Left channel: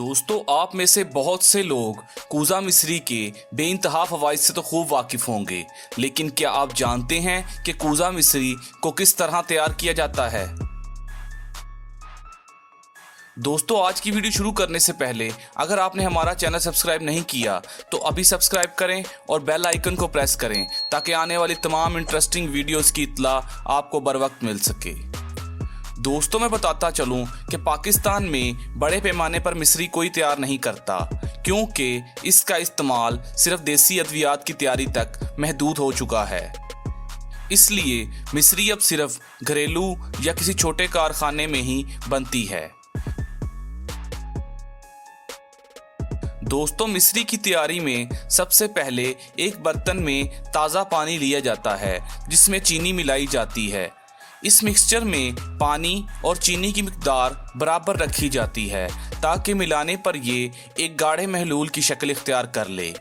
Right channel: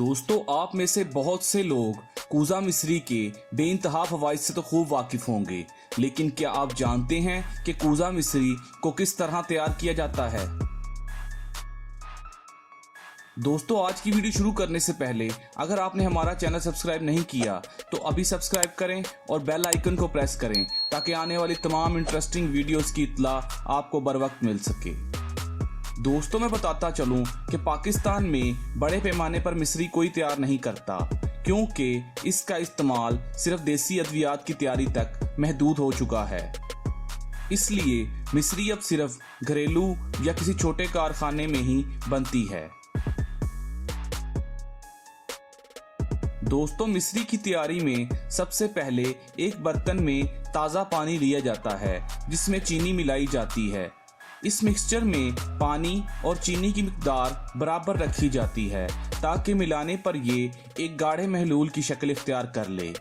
दोस्तों, आप में से बहुत से लोग कूज़ा मिस्री के बेइंतहा फवाइद से तो खूब वाकिफ होंगे, लेकिन क्या आप जानते हैं कि कूज़ा मिस्री को किस तरह तैयार किया जाता है? दोस्तों, आज की वीडियो शुरू करने से पहले अगर आपने हमारा चैनल सब्सक्राइब नहीं किया तो अभी सब्सक्राइब करें और बेल आइकन को प्रेस करें ताकि आने वाली तमाम इंटरेस्टिंग वीडियोस की इत्तला आपको बर वक्त मिल सके। दोस्तों, मैं बताता चलूं कि पाकिस्तान में बड़े पैमाने पर मिस्री कोई तैयार नहीं करता, क्योंकि इसका इस्तेमाल सिर्फ देसी अद्वियात की तैयारी तक महदूद हो चुका है। इसलिए मिस्री अब सिर्फ घरेलू या किसी छोटे कारखाने में ही बनती है। दोस्तों, मिस्री की तैयारी में सबसे पहले एक बर्तन में ताज़ा पानी लिया जाता है जिसमें चीनी मिलाई जाती है। इस मिक्सचर में पानी और चीनी की मिकदार बराबर रखी जाती है ताकि मिलाने पर ये एक गाढ़े महलूल की शक्ल इख्तियार कर ले।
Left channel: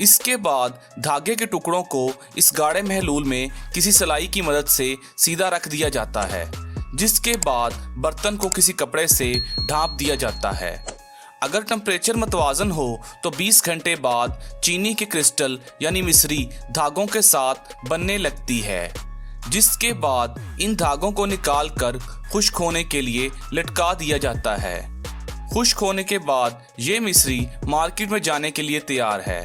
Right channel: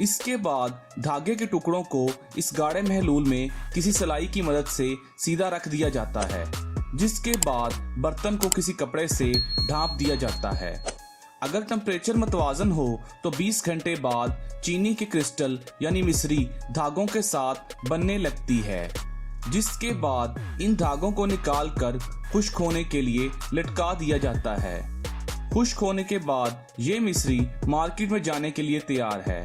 इसके बाद धागे के टुकड़ों को इस गाढ़े महलूल में किसी सलाई की मदद से सीधा रख दिया जाता है, जिसके बाद बर्तन को किसी कपड़े से ढांप दिया जाता है। अगर टेम्परेचर मतवाजन हो तो 20 घंटे बाद चीनी के क्रिस्टल यानी मिस्री धागों के साथ बनने लगती है, जिसके बाद इन धागों को निकाल कर खुश्क होने के लिए लटका दिया जाता है। खुश्क होने के बाद ये मिस्री मार्केट में जाने के लिए तैयार है।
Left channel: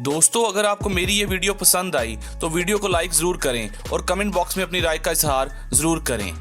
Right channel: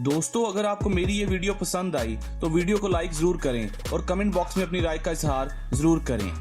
दोस्तों, अगर आपको मेरी ये वीडियो पसंद आई तो वीडियो को लाइक ज़रूर करें और कमेंट बॉक्स में अपनी राय का इजहार ज़रूर करें।